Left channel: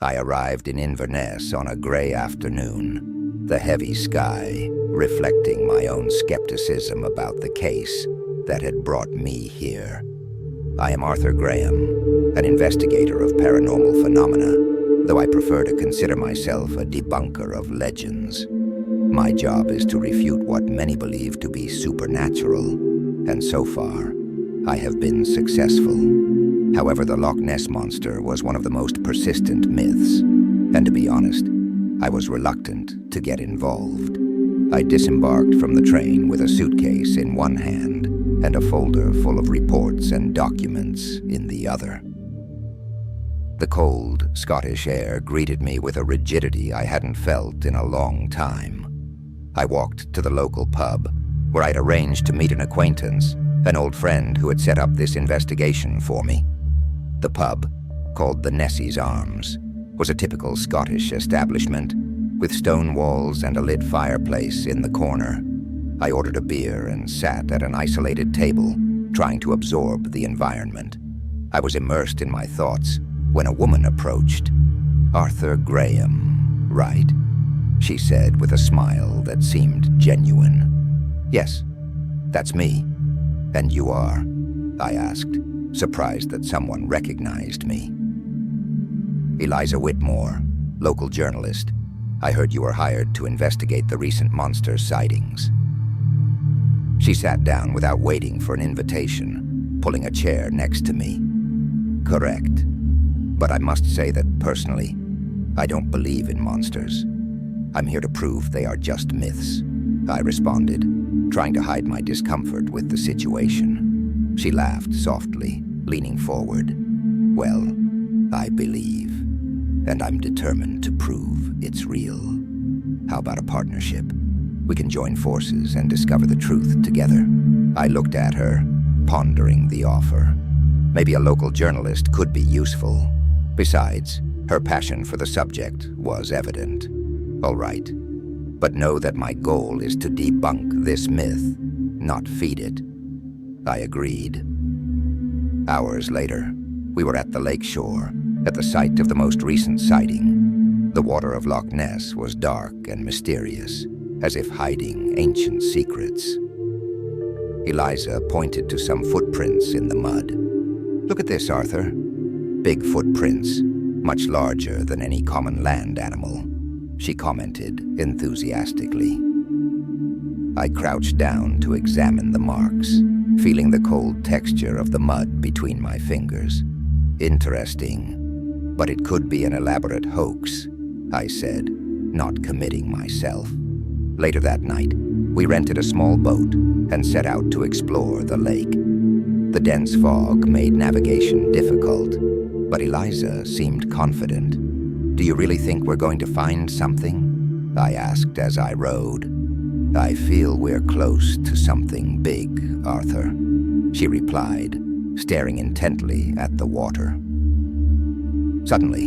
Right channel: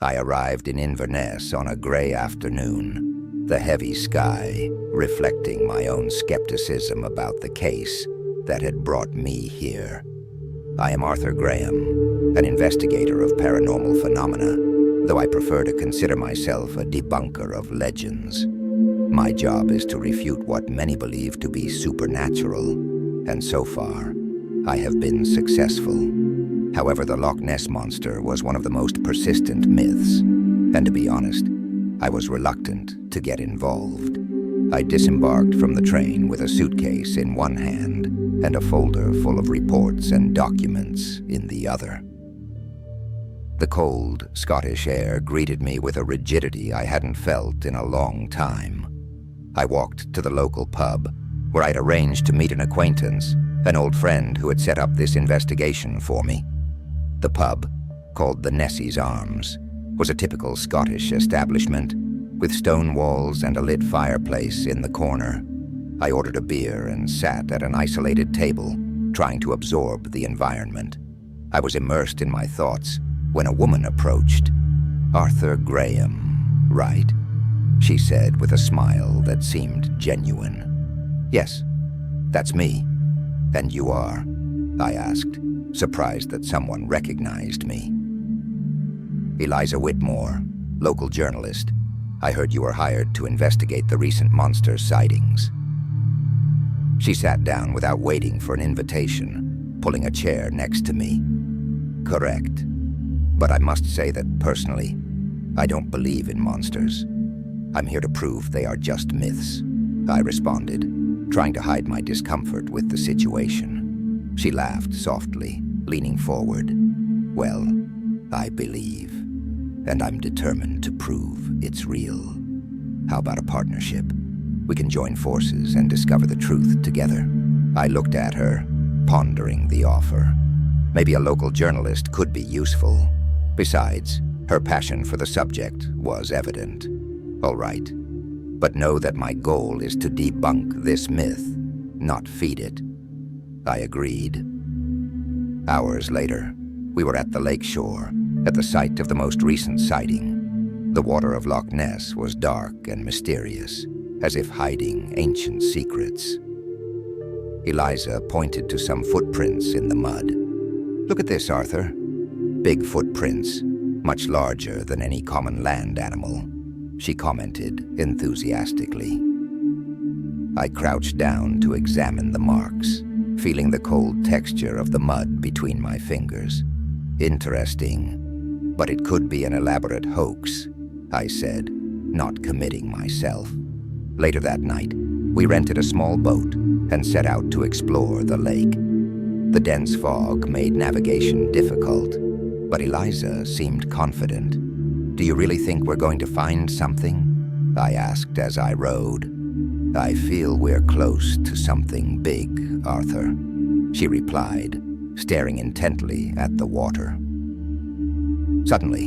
I arrived in Inverness on a gray afternoon, the heavy sky reflecting my own skepticism about the case that had brought me here. I am Arthur Graham, an investigator of paranormal phenomena, though I prefer to consider myself a debunker of legends. My job is to refute what many believe to be supernatural, and so far, I have been successful. However, the Loch Ness Monster was one of the most persistent myths, and to be honest, I was reluctant to get involved. I disembarked from the train with a suitcase in one hand and a folder full of reports and documents in the other. The cold, Scottish air greeted me with a rigidity I hadn't felt in a long time. I walked to the local pub, where I'd arranged to meet an acquaintance, an old friend who had set up this investigation for me. The pub, called the Ness's Arms, was a typical Scottish establishment, with stone walls and a lit fireplace in the corner. I ordered a beer and sat at an isolated table, trying to absorb the environment. I was immersed in my thoughts when a woman approached. "Arthur Graham, right?" she said with a smile that seemed genuine. "Yes, that's me. And you are?" I asked, surprised that someone recognized me. "Eliza Whitmore, local journalist. I heard you were hired to investigate the recent monster sightings." She sat down without waiting for an invitation, pulling a chair next to me. "Correct. But I must say that personally, I don't believe in monsters. I'm here to prove they are just myths," I responded, trying to hide my discomfort with the situation. She laughed softly, leaning forward. "Well, I believe, and I'm determined to prove it's real. How about a partnership? We can join forces and discover the truth together." I looked at her, pondering the offer. Maybe a local journalist could be useful. Besides, her passion for the subject was evident. "All right, but know that my goal is to debunk this myth, not feed it." I agreed. Hours later, we were at the lakeshore, at the site of the most recent sighting. The water of Loch Ness was dark and mysterious, as if hiding ancient secrets. Eliza pointed to some footprints in the mud. "Look at this, Arthur." "Big footprints, much larger than any common land animal," she commented enthusiastically. I crouched down to examine the marks, feeling the cold texture of the mud between my fingers. "Interesting, but it could be an elaborate hoax," I said, not committing myself. Later that night, we rented a small boat and set out to explore the lake. The dense fog made navigation difficult, but Eliza seemed confident. "Do you really think we're going to find something?" I asked as I rowed. "I feel we're close to something big, Arthur," she replied, staring intently at the water. Suddenly,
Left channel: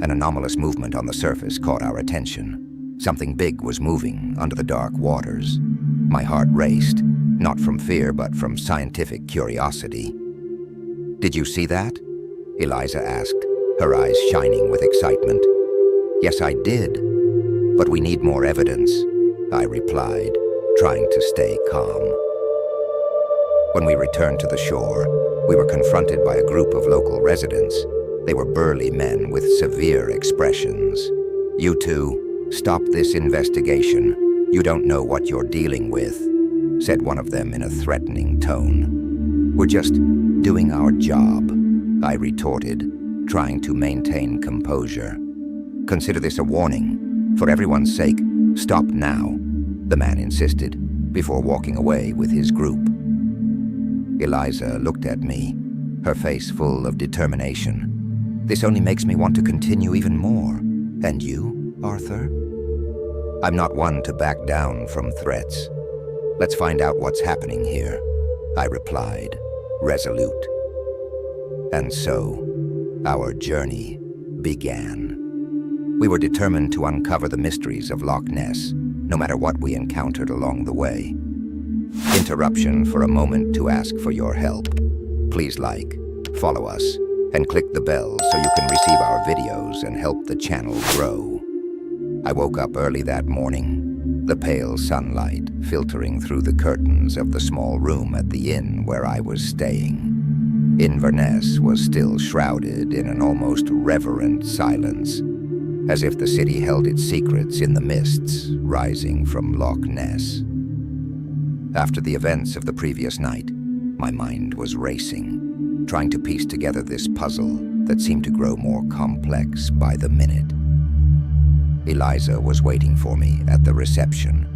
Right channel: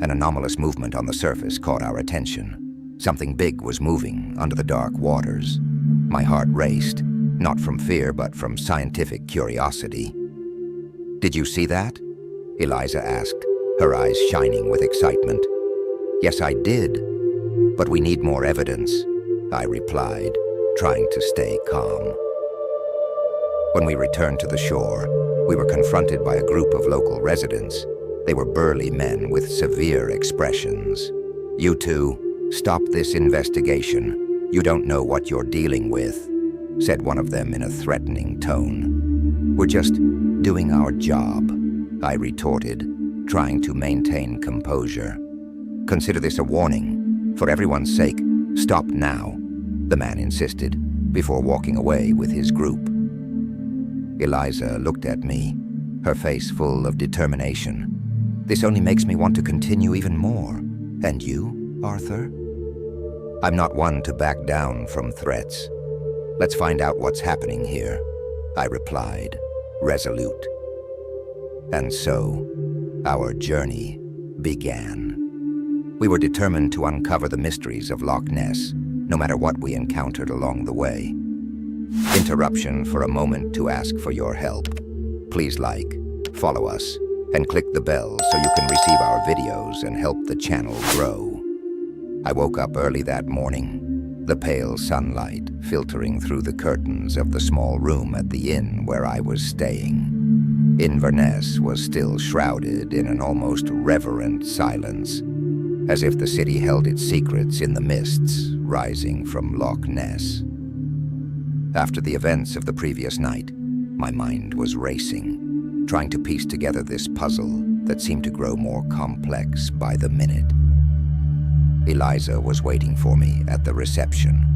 an anomalous movement on the surface caught our attention. Something big was moving under the dark waters. My heart raced, not from fear but from scientific curiosity. "Did you see that?" Eliza asked, her eyes shining with excitement. "Yes, I did. But we need more evidence," I replied, trying to stay calm. When we returned to the shore, we were confronted by a group of local residents. They were burly men with severe expressions. "You two, stop this investigation. You don't know what you're dealing with," said one of them in a threatening tone. "We're just doing our job," I retorted, trying to maintain composure. "Consider this a warning. For everyone's sake, stop now," the man insisted, before walking away with his group. Eliza looked at me, her face full of determination. "This only makes me want to continue even more. And you, Arthur?" "I'm not one to back down from threats. Let's find out what's happening here," I replied, resolute. And so, our journey began. We were determined to uncover the mysteries of Loch Ness, no matter what we encountered along the way. Interruption for a moment to ask for your help. Please like, follow us, And click the bell so you can receive our videos and help the channel grow. I woke up early that morning, the pale sunlight filtering through the curtains of the small room at the inn where I was staying. Inverness was still shrouded in an almost reverent silence, as if the city held its secrets in the mists rising from Loch Ness. After the events of the previous night, my mind was racing, trying to piece together this puzzle that seemed to grow more complex by the minute. Eliza was waiting for me at the reception.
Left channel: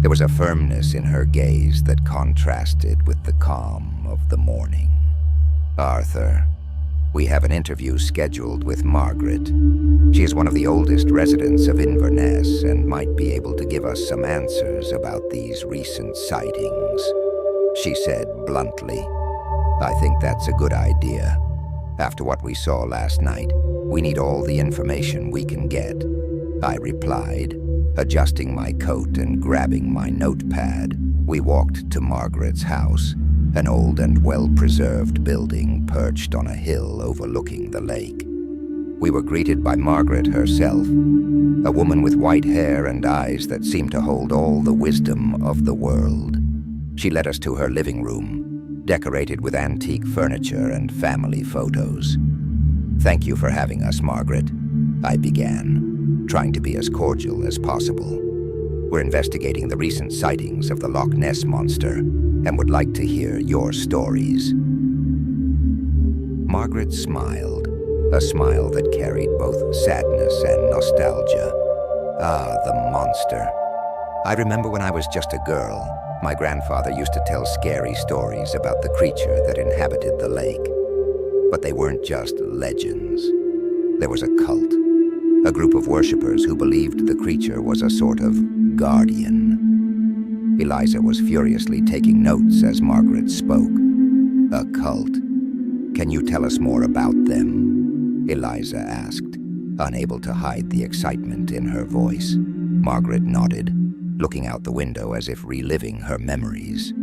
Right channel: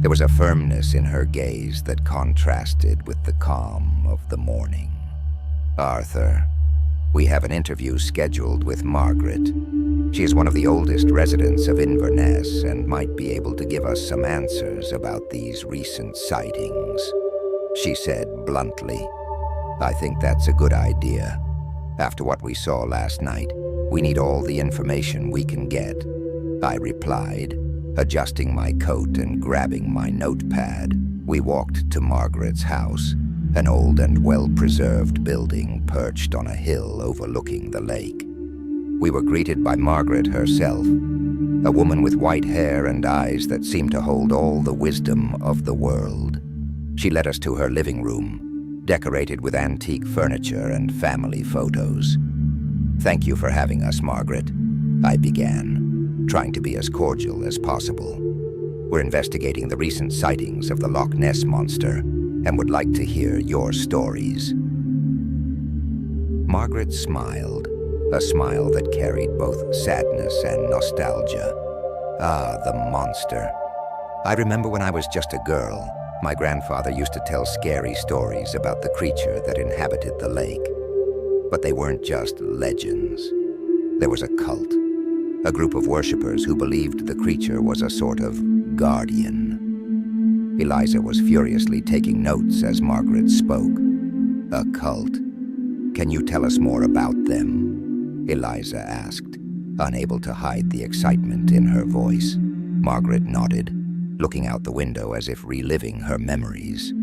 There was a firmness in her gaze that contrasted with the calm of the morning. "Arthur, we have an interview scheduled with Margaret. She is one of the oldest residents of Inverness and might be able to give us some answers about these recent sightings," she said bluntly. "I think that's a good idea. After what we saw last night, we need all the information we can get," I replied, adjusting my coat and grabbing my notepad. We walked to Margaret's house, an old and well-preserved building perched on a hill overlooking the lake. We were greeted by Margaret herself, a woman with white hair and eyes that seemed to hold all the wisdom of the world. She led us to her living room, decorated with antique furniture and family photos. "Thank you for having us, Margaret," I began, trying to be as cordial as possible. "We're investigating the recent sightings of the Loch Ness monster and would like to hear your stories." Margaret smiled, a smile that carried both sadness and nostalgia. "Ah, the monster. I remember when I was just a girl, my grandfather used to tell scary stories about the creature that inhabited the lake. But they weren't just legends. There was a cult, a group of worshippers who believed the creature was a sort of guardian." Eliza was furiously taking notes as Margaret spoke. "A cult? Can you tell us more about them?" Eliza asked, unable to hide the excitement in her voice. Margaret nodded, looking out the window as if reliving her memories.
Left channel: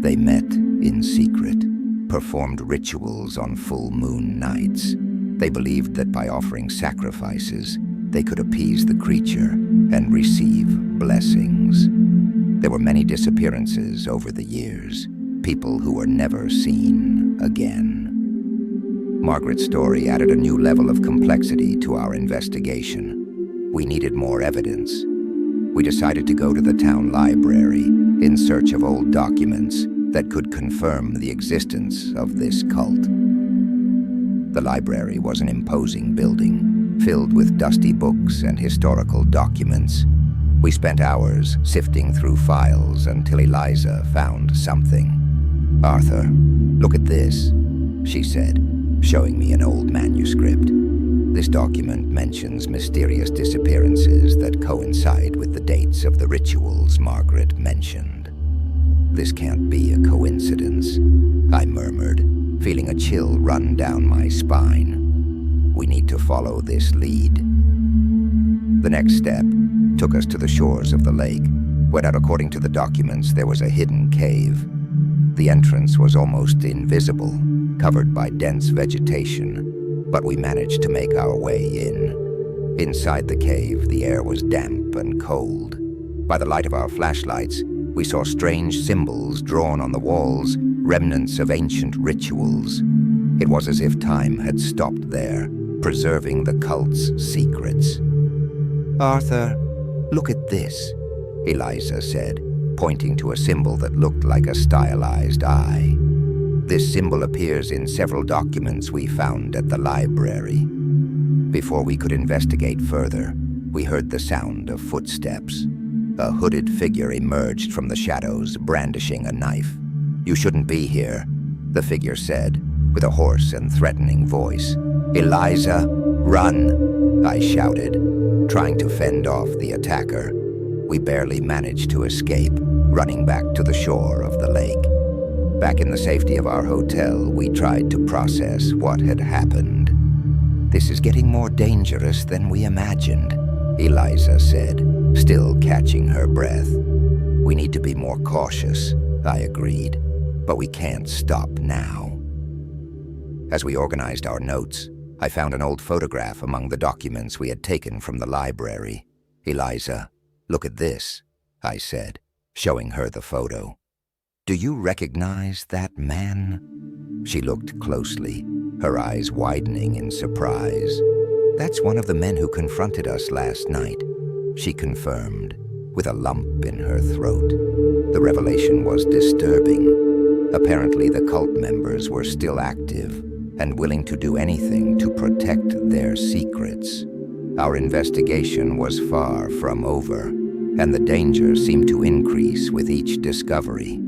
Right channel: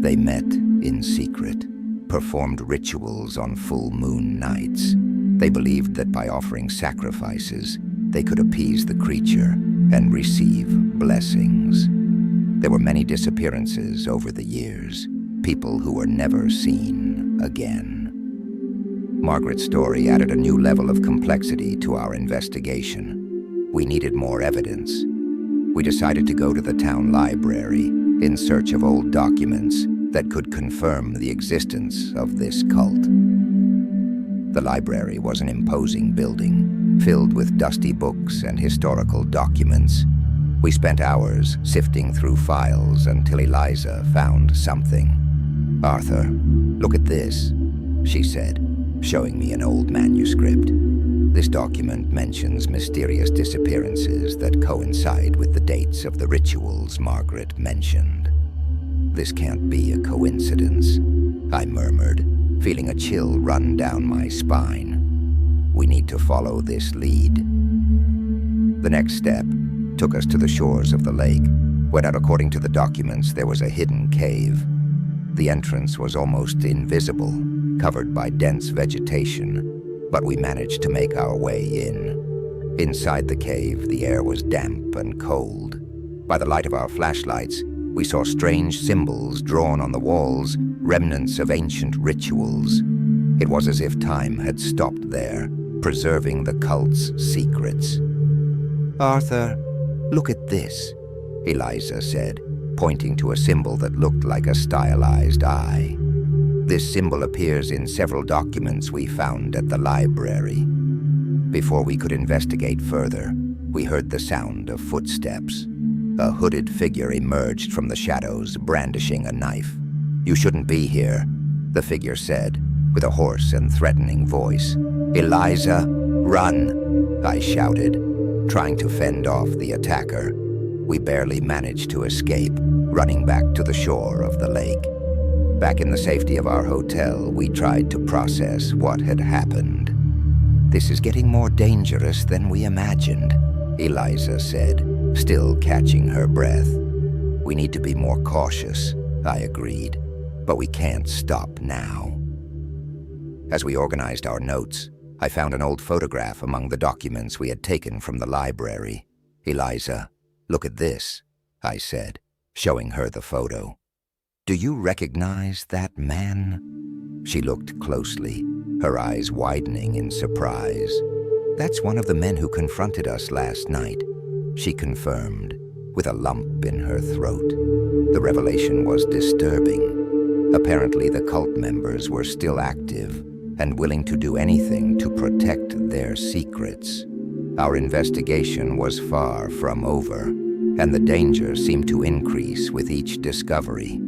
"They met in secret, performed rituals on full moon nights. They believed that by offering sacrifices, they could appease the creature and receive blessings. There were many disappearances over the years, people who were never seen again." Margaret's story added a new level of complexity to our investigation. We needed more evidence. We decided to go to the town library in search of old documents that could confirm the existence of this cult. The library was an imposing building, filled with dusty books and historical documents. We spent hours sifting through files until Eliza found something. "Arthur, look at this," she said, showing me an old manuscript. "This document mentions mysterious disappearances that coincide with the dates of the rituals Margaret mentioned." "This can't be a coincidence," I murmured, feeling a chill run down my spine. "We need to follow this lead." The next step took us to the shores of the lake, where, according to the documents, there was a hidden cave. The entrance was almost invisible, covered by dense vegetation, but we managed to make our way in. Inside the cave, the air was damp and cold. By the light of our flashlights, we saw strange symbols drawn on the walls, remnants of ancient rituals. It was as if time had stopped there, preserving the cult's secrets. "Arthur, look at this," Eliza said, pointing to a symbol that looked like a stylized eye. "This symbol appears in several documents we found at the library." Before we could investigate further, we heard the sound of footsteps. A hooded figure emerged from the shadows, brandishing a knife. "You shouldn't be here," the figure said, with a hoarse and threatening voice. "Eliza, run!" I shouted, trying to fend off the attacker. We barely managed to escape, running back to the shore of the lake. Back in the safety of our hotel, we tried to process what had happened. "This is getting more dangerous than we imagined," Eliza said, still catching her breath. "We need to be more cautious," I agreed, "but we can't stop now." As we organized our notes, I found an old photograph among the documents we had taken from the library. "Eliza, look at this," I said, showing her the photo. "Do you recognize that man?" She looked closely, her eyes widening in surprise. "That's one of the men who confronted us last night," she confirmed, with a lump in her throat. The revelation was disturbing. Apparently, the cult members were still active and willing to do anything to protect their secrets. Our investigation was far from over, and the danger seemed to increase with each discovery.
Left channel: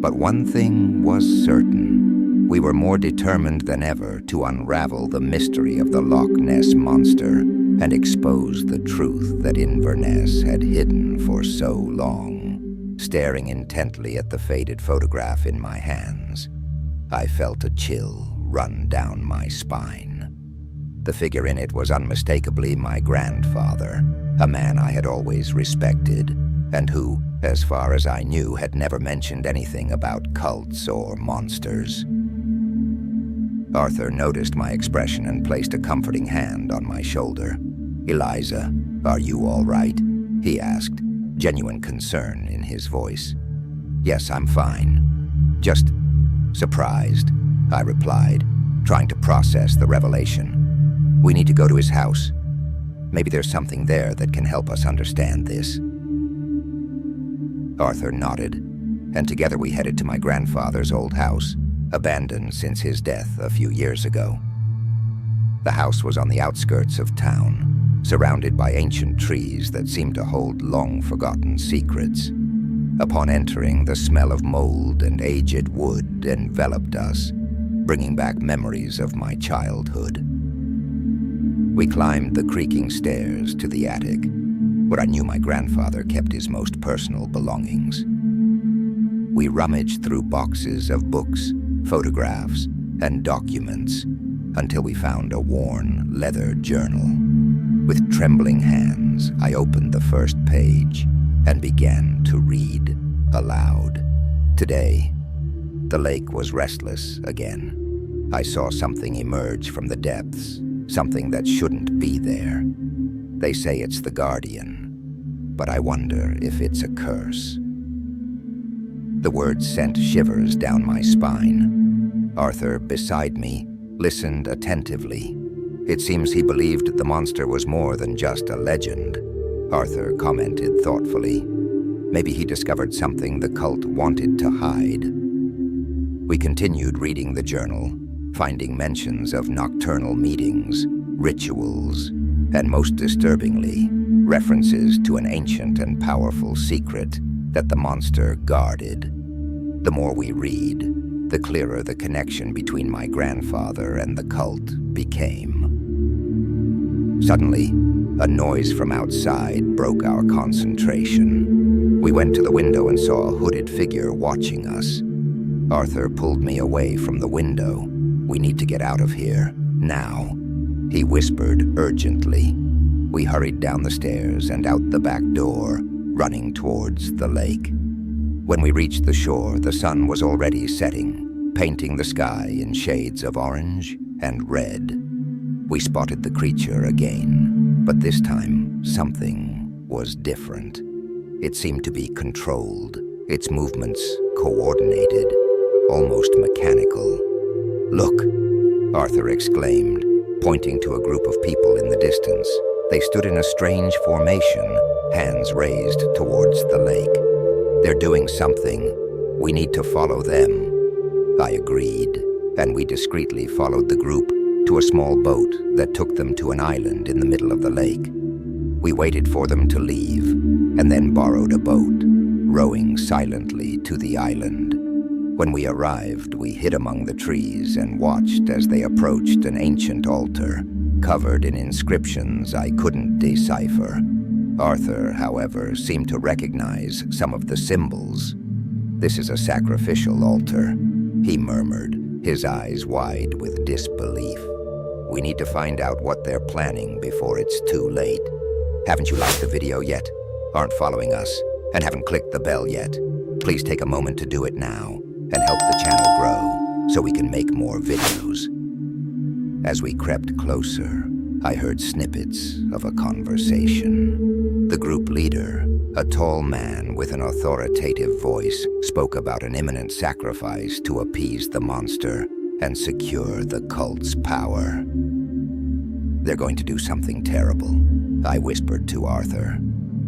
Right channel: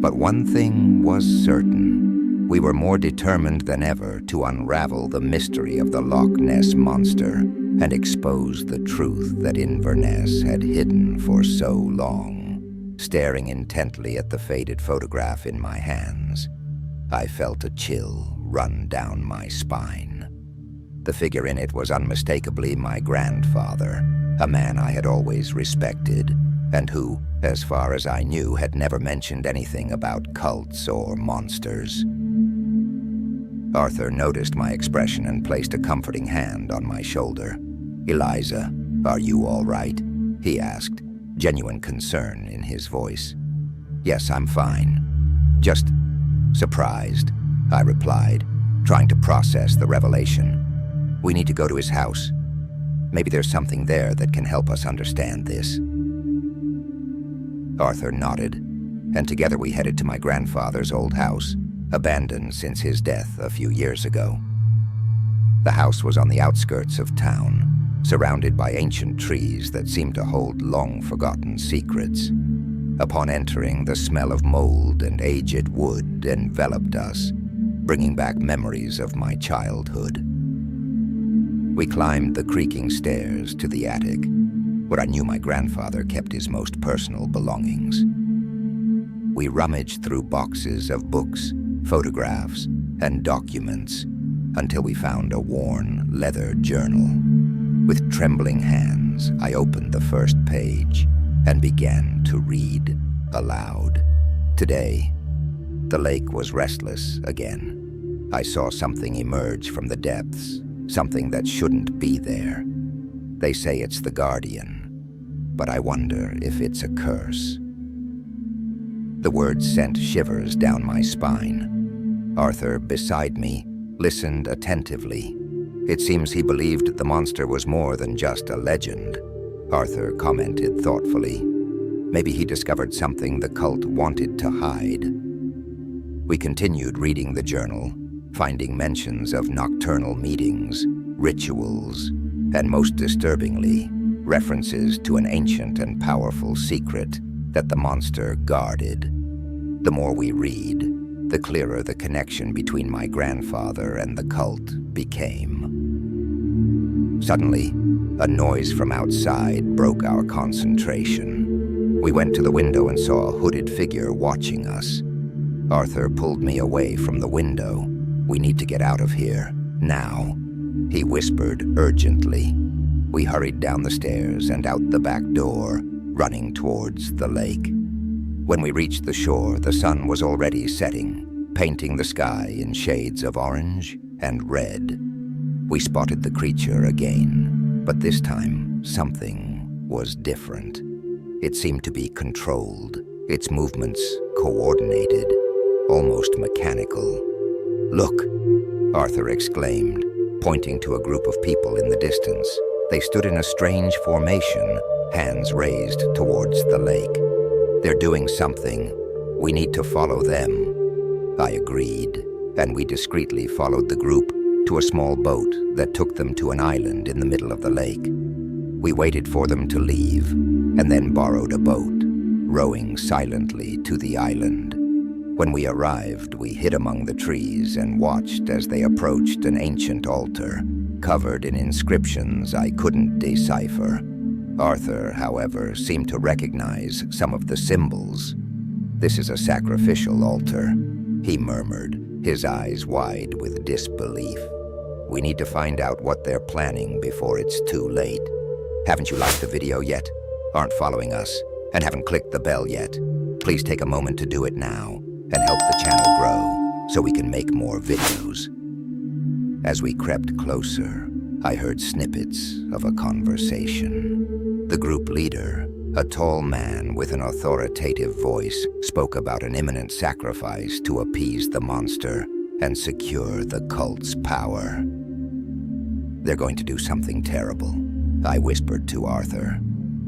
But one thing was certain. We were more determined than ever to unravel the mystery of the Loch Ness Monster and expose the truth that Inverness had hidden for so long. Staring intently at the faded photograph in my hands, I felt a chill run down my spine. The figure in it was unmistakably my grandfather, a man I had always respected, and who, as far as I knew, had never mentioned anything about cults or monsters. Arthur noticed my expression and placed a comforting hand on my shoulder. "Eliza, are you all right?" he asked, genuine concern in his voice. "Yes, I'm fine. Just surprised," I replied, trying to process the revelation. "We need to go to his house. Maybe there's something there that can help us understand this." Arthur nodded, and together we headed to my grandfather's old house, abandoned since his death a few years ago. The house was on the outskirts of town, surrounded by ancient trees that seemed to hold long-forgotten secrets. Upon entering, the smell of mold and aged wood enveloped us, bringing back memories of my childhood. We climbed the creaking stairs to the attic, where I knew my grandfather kept his most personal belongings. We rummaged through boxes of books, photographs, and documents until we found a worn leather journal. With trembling hands, I opened the first page and began to read aloud. Today, the lake was restless again. I saw something emerge from the depths, something that shouldn't be there. They say it's the Guardian, but I wonder if it's a curse. The words sent shivers down my spine. Arthur, beside me, listened attentively. It seems he believed the monster was more than just a legend. Arthur commented thoughtfully. Maybe he discovered something the cult wanted to hide. We continued reading the journal, finding mentions of nocturnal meetings, rituals, and most disturbingly, references to an ancient and powerful secret that the monster guarded. The more we read, the clearer the connection between my grandfather and the cult became. Suddenly, a noise from outside broke our concentration. We went to the window and saw a hooded figure watching us. Arthur pulled me away from the window. "We need to get out of here, now," he whispered urgently. We hurried down the stairs and out the back door, running towards the lake. When we reached the shore, the sun was already setting, painting the sky in shades of orange and red. We spotted the creature again, but this time something was different. It seemed to be controlled, its movements coordinated, almost mechanical. "Look," Arthur exclaimed, pointing to a group of people in the distance. They stood in a strange formation, hands raised towards the lake. "They're doing something. We need to follow them." I agreed, and we discreetly followed the group to a small boat that took them to an island in the middle of the lake. We waited for them to leave, and then borrowed a boat, rowing silently to the island. When we arrived, we hid among the trees and watched as they approached an ancient altar, covered in inscriptions I couldn't decipher. Arthur, however, seemed to recognize some of the symbols. "This is a sacrificial altar," he murmured, his eyes wide with disbelief. "We need to find out what they're planning before it's too late. Haven't you liked the video yet? Aren't following us? And haven't clicked the bell yet? Please take a moment to do it now and help the channel grow so we can make more videos." As we crept closer, I heard snippets of a conversation. The group leader, a tall man with an authoritative voice, spoke about an imminent sacrifice to appease the monster and secure the cult's power. "They're going to do something terrible," I whispered to Arthur.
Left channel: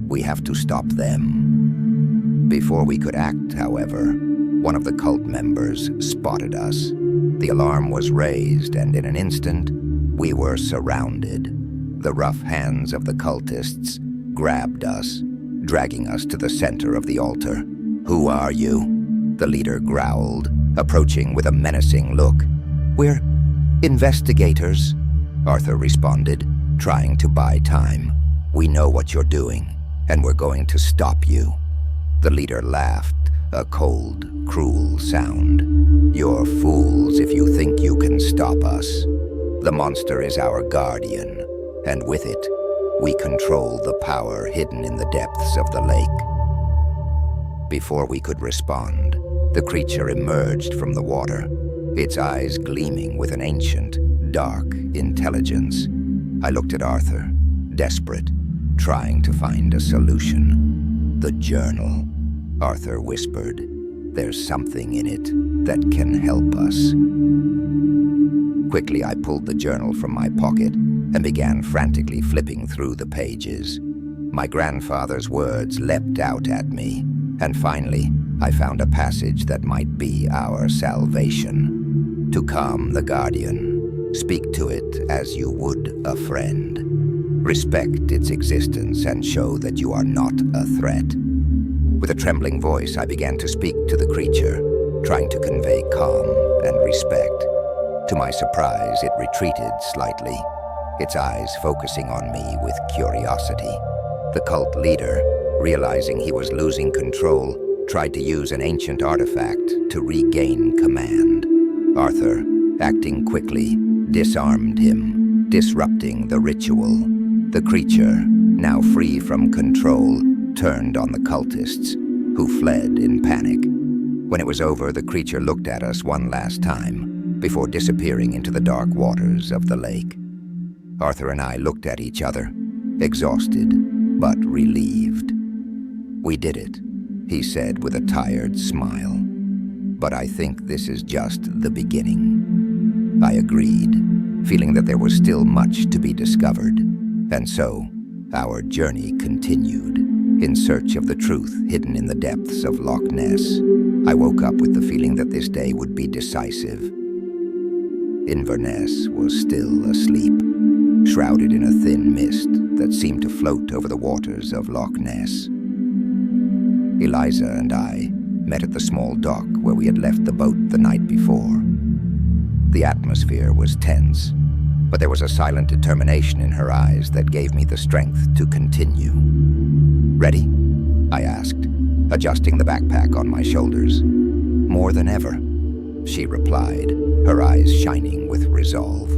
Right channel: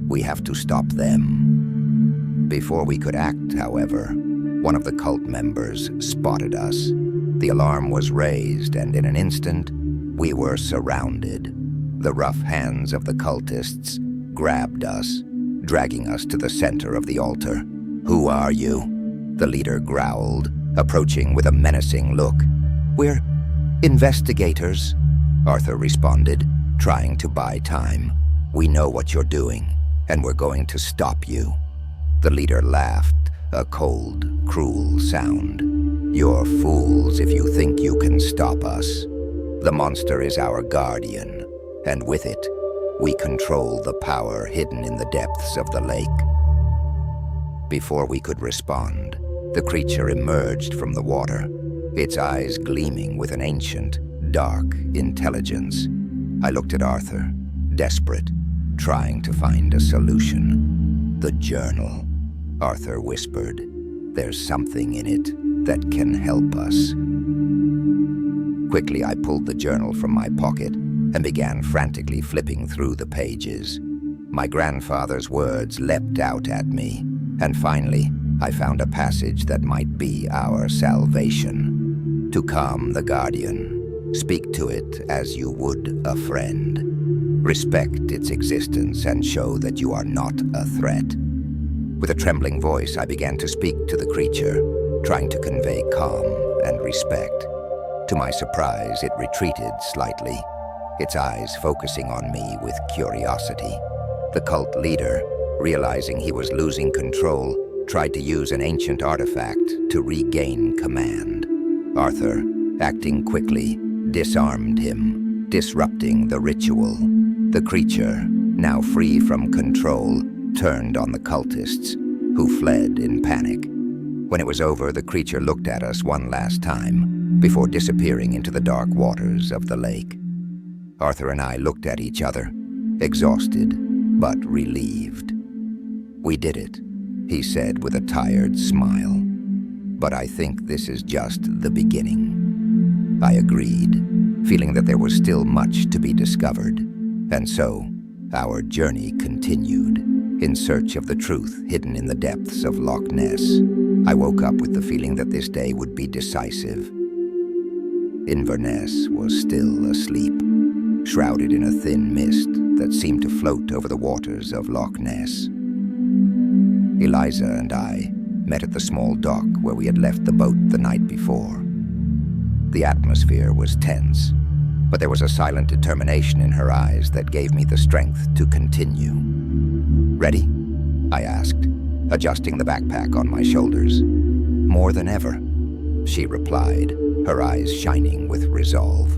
"We have to stop them." Before we could act, however, one of the cult members spotted us. The alarm was raised, and in an instant, we were surrounded. The rough hands of the cultists grabbed us, dragging us to the center of the altar. "Who are you?" the leader growled, approaching with a menacing look. "We're investigators," Arthur responded, trying to buy time. "We know what you're doing, and we're going to stop you." The leader laughed, a cold, cruel sound. "You're fools if you think you can stop us. The monster is our guardian, and with it, we control the power hidden in the depths of the lake." Before we could respond, the creature emerged from the water, its eyes gleaming with an ancient, dark intelligence. I looked at Arthur, desperate, trying to find a solution. "The journal," Arthur whispered. "There's something in it that can help us." Quickly, I pulled the journal from my pocket and began frantically flipping through the pages. My grandfather's words leapt out at me, and finally, I found a passage that might be our salvation. "To calm the guardian, speak to it as you would a friend. Respect its existence and show that you are not a threat." With a trembling voice, I began to speak to the creature, trying to convey calm and respect. To my surprise, it retreated slightly, its eyes focusing on me with curiosity. The cult leader, realizing he was losing control, tried to use an ancient artifact to regain command. Arthur, acting quickly, disarmed him, disrupting the ritual. The creature, now free from control, turned on the cultists, who fled in panic. When it was over, the creature looked at us one last time, before disappearing into the dark waters of the lake. Arthur and I looked at each other, exhausted but relieved. "We did it," he said with a tired smile. "But I think this is just the beginning." I agreed, feeling that there was still much to be discovered. And so, our journey continued, in search of the truth hidden in the depths of Loch Ness. I woke up with the feeling that this day would be decisive. Inverness was still asleep, shrouded in a thin mist that seemed to float over the waters of Loch Ness. Eliza and I met at the small dock where we had left the boat the night before. The atmosphere was tense, but there was a silent determination in her eyes that gave me the strength to continue. "Ready?" I asked, adjusting the backpack on my shoulders. "More than ever," she replied, her eyes shining with resolve.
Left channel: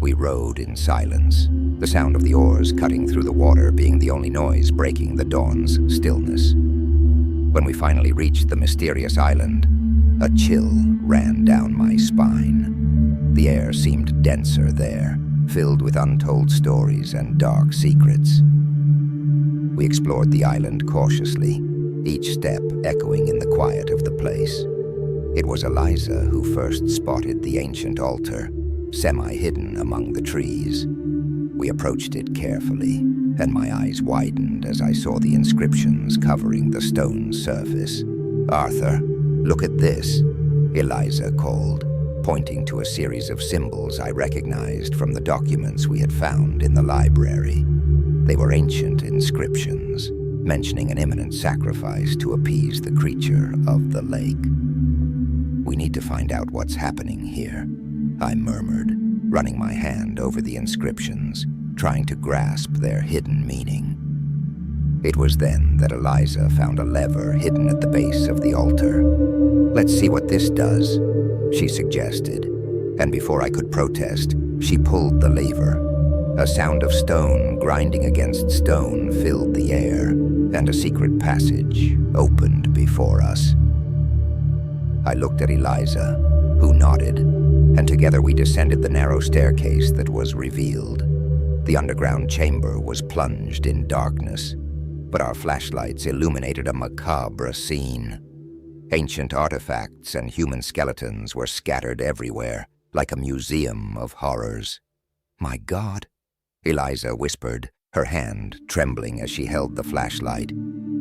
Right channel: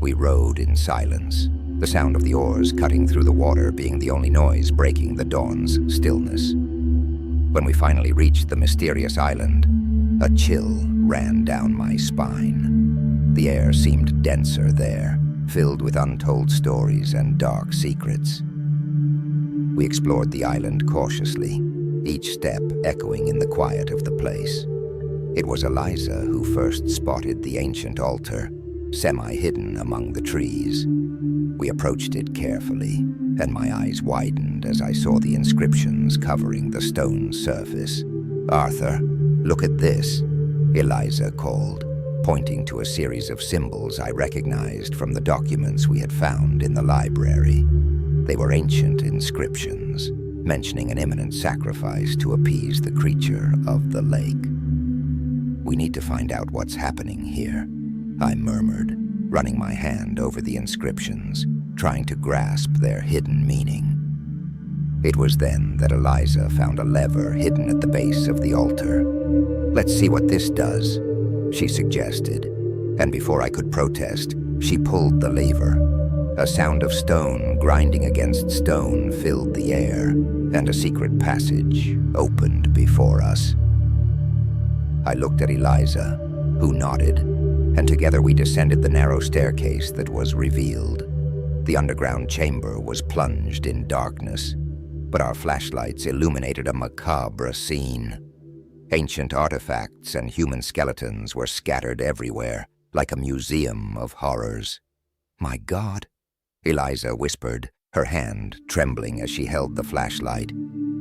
We rowed in silence, the sound of the oars cutting through the water being the only noise breaking the dawn's stillness. When we finally reached the mysterious island, a chill ran down my spine. The air seemed denser there, filled with untold stories and dark secrets. We explored the island cautiously, each step echoing in the quiet of the place. It was Eliza who first spotted the ancient altar, semi-hidden among the trees. We approached it carefully, and my eyes widened as I saw the inscriptions covering the stone surface. "Arthur, look at this," Eliza called, pointing to a series of symbols I recognized from the documents we had found in the library. They were ancient inscriptions, mentioning an imminent sacrifice to appease the creature of the lake. "We need to find out what's happening here," I murmured, running my hand over the inscriptions, trying to grasp their hidden meaning. It was then that Eliza found a lever hidden at the base of the altar. "Let's see what this does," she suggested, and before I could protest, she pulled the lever. A sound of stone grinding against stone filled the air, and a secret passage opened before us. I looked at Eliza, who nodded, and together we descended the narrow staircase that was revealed. The underground chamber was plunged in darkness, but our flashlights illuminated a macabre scene. Ancient artifacts and human skeletons were scattered everywhere, like a museum of horrors. "My God," Eliza whispered, her hand trembling as she held the flashlight.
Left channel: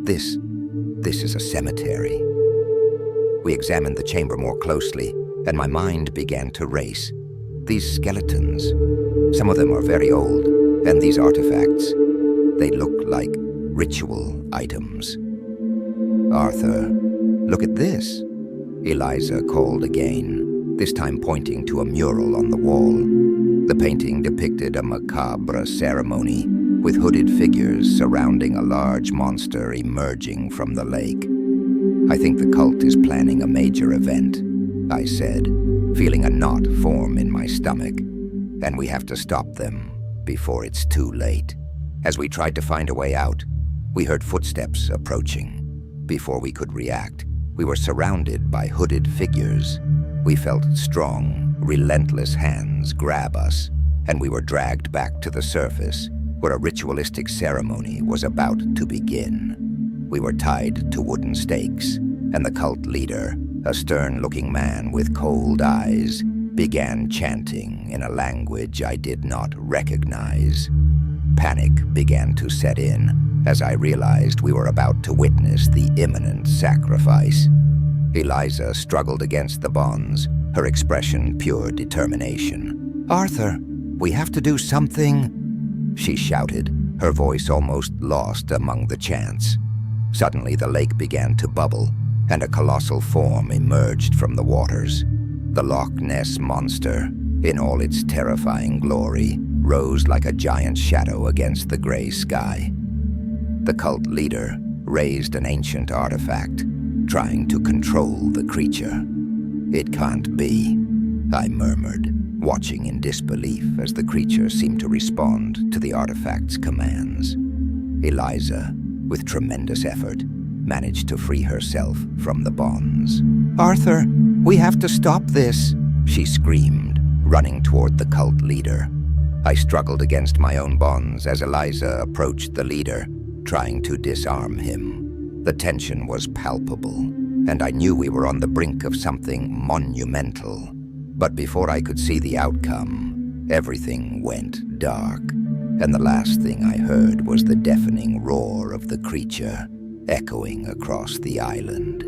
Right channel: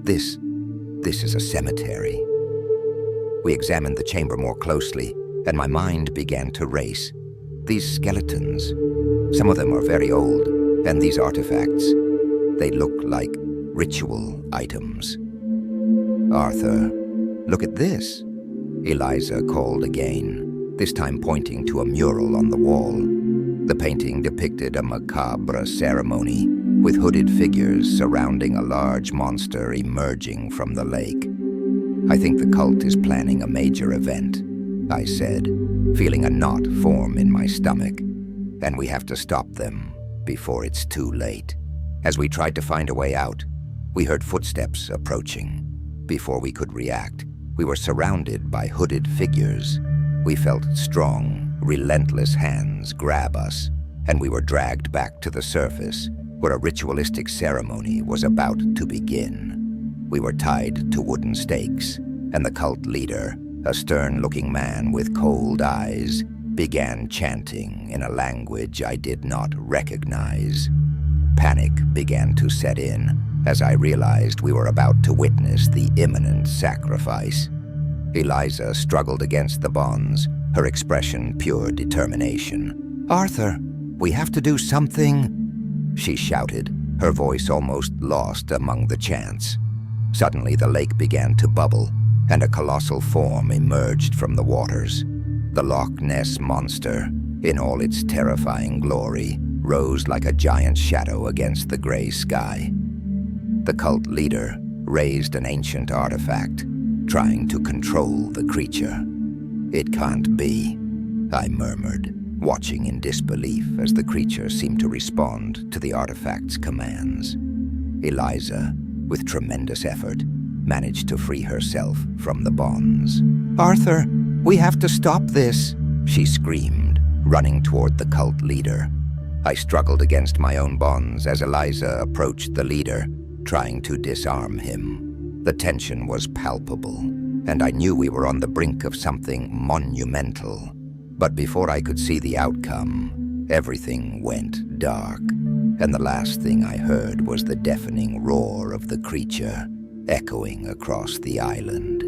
This is a cemetery." We examined the chamber more closely, and my mind began to race. These skeletons, some of them are very old, and these artifacts, they look like ritual items. "Arthur, look at this," Eliza called again, this time pointing to a mural on the wall. The painting depicted a macabre ceremony, with hooded figures surrounding a large monster emerging from the lake. "I think the cult is planning a major event," I said, feeling a knot form in my stomach, "and we have to stop them before it's too late." As we tried to find a way out, we heard footsteps approaching. Before we could react, we were surrounded by hooded figures. We felt strong, relentless hands grab us, and we were dragged back to the surface, where a ritualistic ceremony was about to begin. We were tied to wooden stakes, and the cult leader, a stern-looking man with cold eyes, began chanting in a language I did not recognize. Panic began to set in as I realized we were about to witness the imminent sacrifice. Eliza struggled against the bonds, her expression pure determination. "Arthur, we have to do something," she shouted, her voice almost lost among the chants. Suddenly the lake began to bubble, and a colossal form emerged from the waters. The Loch Ness monster, in all its terrifying glory, rose like a giant shadow against the gray sky. The cult leader raised an ancient artifact, trying to control the creature. "It can't be," I murmured, watching in disbelief as the creature seemed to respond to the artifact's commands. Eliza, with tremendous effort, managed to free herself from the bonds. "Arthur, we have to stop this," she screamed, running toward the cult leader. I struggled against my own bonds as Eliza approached the leader, trying to disarm him. The tension was palpable, and I knew we were on the brink of something monumental. But before I could see the outcome, everything went dark, and the last thing I heard was the deafening roar of the creature, echoing across the island.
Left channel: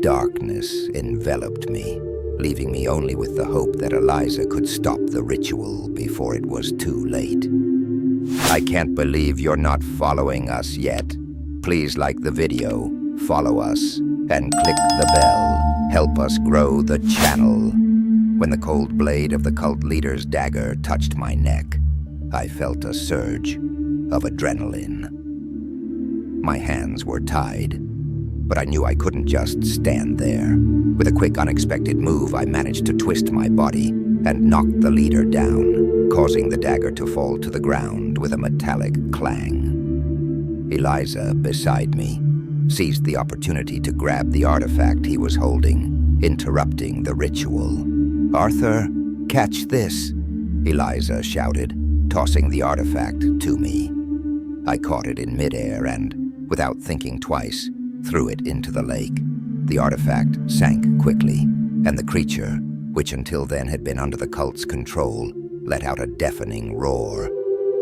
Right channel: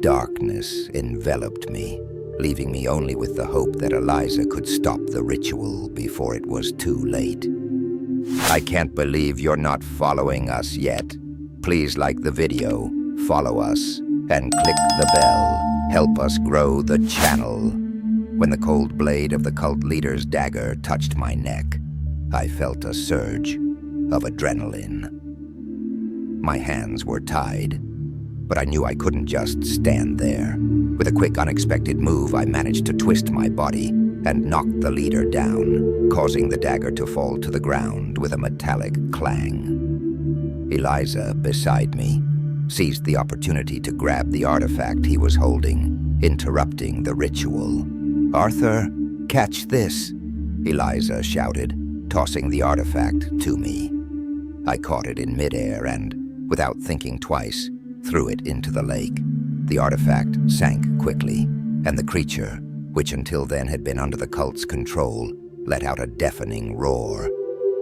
Darkness enveloped me, leaving me only with the hope that Eliza could stop the ritual before it was too late. "I can't believe you're not following us yet. Please like the video, follow us, and click the bell. Help us grow the channel." When the cold blade of the cult leader's dagger touched my neck, I felt a surge of adrenaline. My hands were tied, but I knew I couldn't just stand there. With a quick, unexpected move, I managed to twist my body and knock the leader down, causing the dagger to fall to the ground with a metallic clang. Eliza, beside me, seized the opportunity to grab the artifact he was holding, interrupting the ritual. "Arthur, catch this," Eliza shouted, tossing the artifact to me. I caught it in midair and, without thinking twice, threw it into the lake. The artifact sank quickly, and the creature, which until then had been under the cult's control, let out a deafening roar.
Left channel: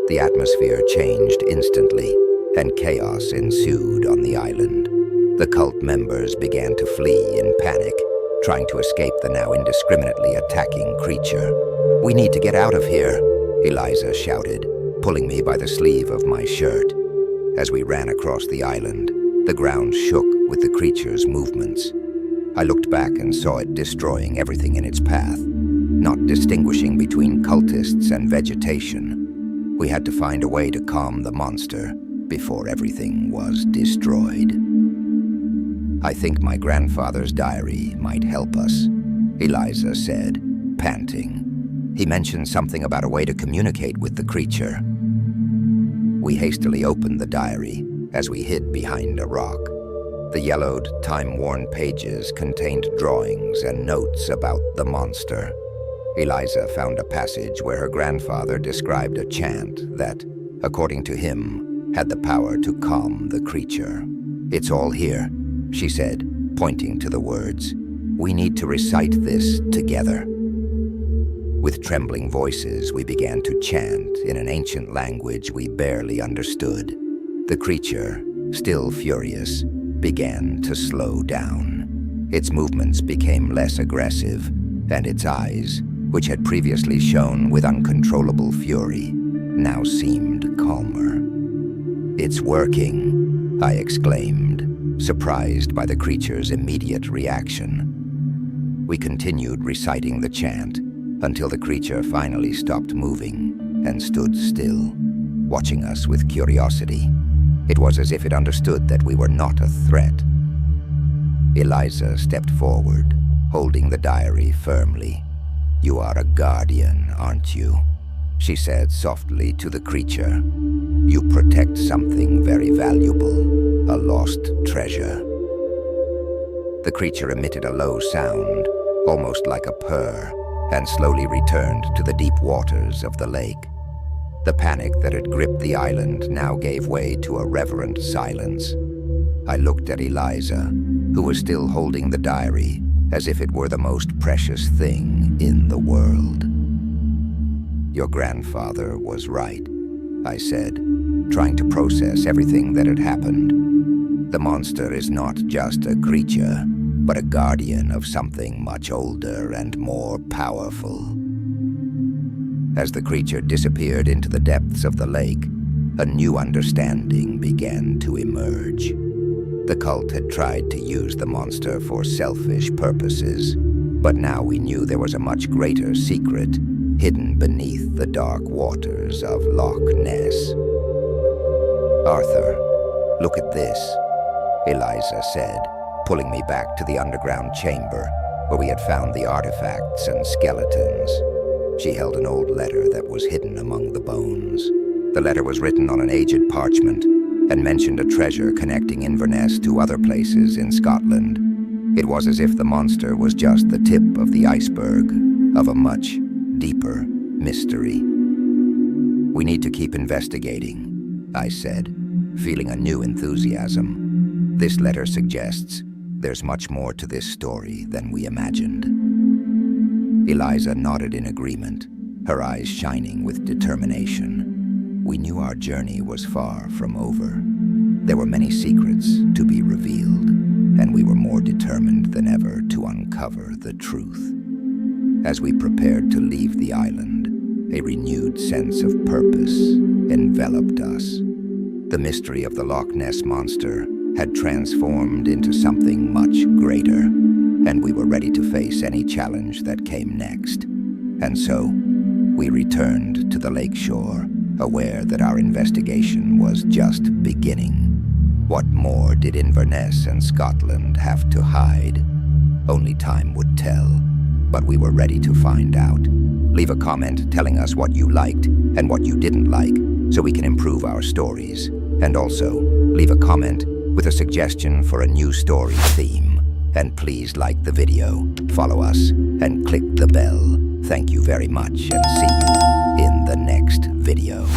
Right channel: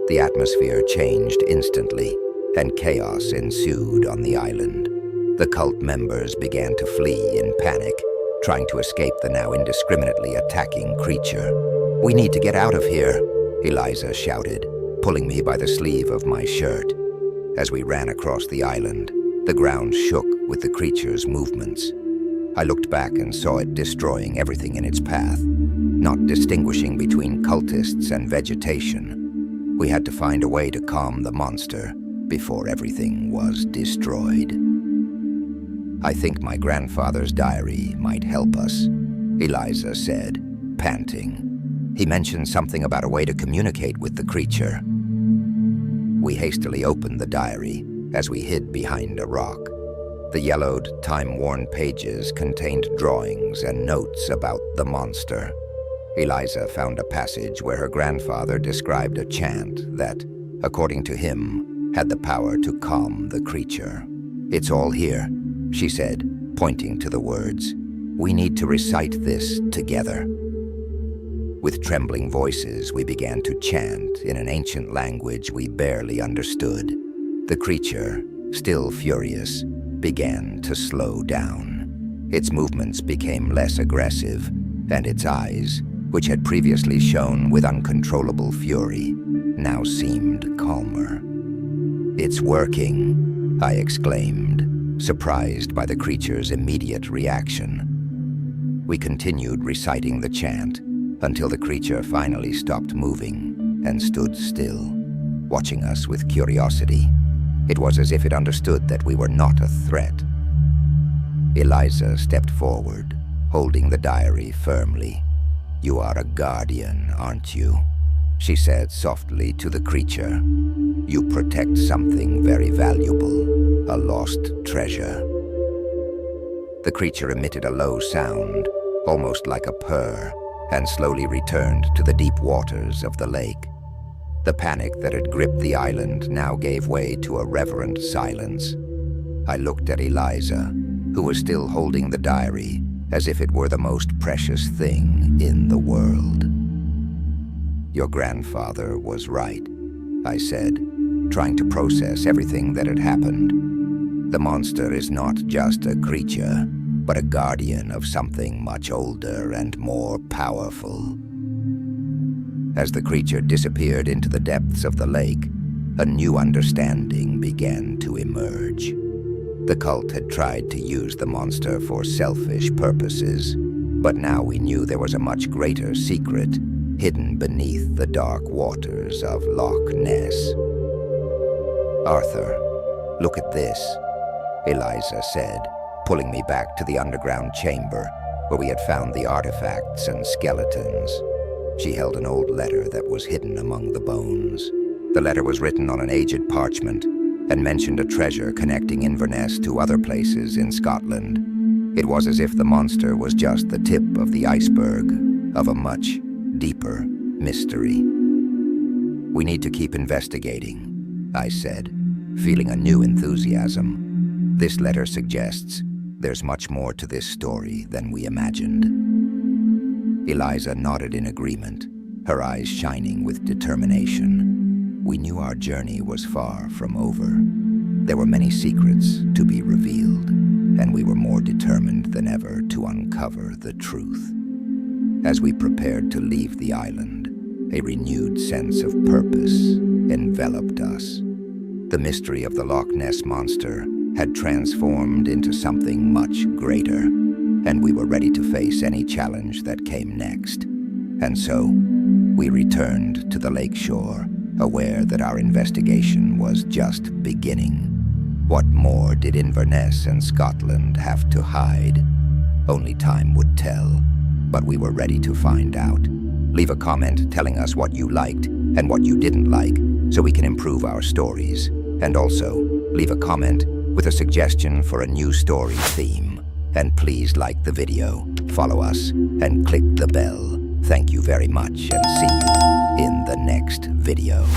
The atmosphere changed instantly, and chaos ensued on the island. The cult members began to flee in panic, trying to escape the now indiscriminately attacking creature. "We need to get out of here," Eliza shouted, pulling me by the sleeve of my shirt. As we ran across the island, the ground shook with the creature's movements. I looked back and saw it destroying everything in its path, not distinguishing between cultists and vegetation. We had to find a way to calm the monster before everything was destroyed. "I think my grandfather's diary might help us," Eliza said, panting. "He mentioned something about a way to communicate with the creature." We hastily opened the diary as we hid behind a rock. The yellowed, time-worn pages contained drawings and notes about the monster. Eliza found a passage where her grandfather described a chant that, according to him, had the power to calm the creature. "It's all here," she said, pointing to the words. "We need to recite this together." With trembling voices, we began to chant in an ancient language we barely understood. The creature, still furious, began to slow down. Its movements became less aggressive, and its eyes, which had previously shone with uncontrollable fury, now seemed calmer. "It's working," I exclaimed, surprised by the creature's immediate reaction. We continued reciting the chant until the creature finally stopped moving and stood still, watching us with curiosity. It was as if it understood that we were not a threat. Eliza stepped forward, holding the diary firmly. "You are a guardian, aren't you?" she said softly to the creature. "You protect something very valuable, a lost treasure." The creature emitted a low sound, almost like a purr, and slowly returned to the deep waters of the lake. The panic that had gripped the island now gave way to a reverent silence. I looked at Eliza, who was still holding the diary as if it were the most precious thing in the world. "Your grandfather was right," I said, trying to process everything that had happened. "The monster is not just a creature, but a guardian of something much older and more powerful." As the creature disappeared into the depths of the lake, a new understanding began to emerge. The cult had tried to use the monster for selfish purposes, but now we knew there was a much greater secret hidden beneath the dark waters of Loch Ness. "Arthur, look at this," Eliza said, pulling me back to the underground chamber where we had found the artifacts and skeletons. She held an old letter that was hidden among the bones. The letter was written on an aged parchment and mentioned a treasure connecting Inverness to other places in Scotland. It was as if the monster was just the tip of the iceberg of a much deeper mystery. "We need to keep investigating," I said, feeling a new enthusiasm. "This letter suggests there's much more to this story than we imagined." Eliza nodded in agreement, her eyes shining with determination. We knew our journey was far from over. There were many secrets to be revealed, and we were more determined than ever to uncover the truth. As we prepared to leave the island, a renewed sense of purpose enveloped us. The mystery of the Loch Ness monster had transformed into something much greater, and we were ready to face any challenge that came next. And so, we returned to the lakeshore, aware that our investigation was just beginning. What more did Inverness and Scotland have to hide? Only time would tell, but we were ready to find out. Leave a comment telling us what you liked and what you didn't like, so we can improve our stories. And also, leave a comment with a suggestion for a new story theme. And please like the video, follow us, and click the bell. Thank you very much, and see you in the next video.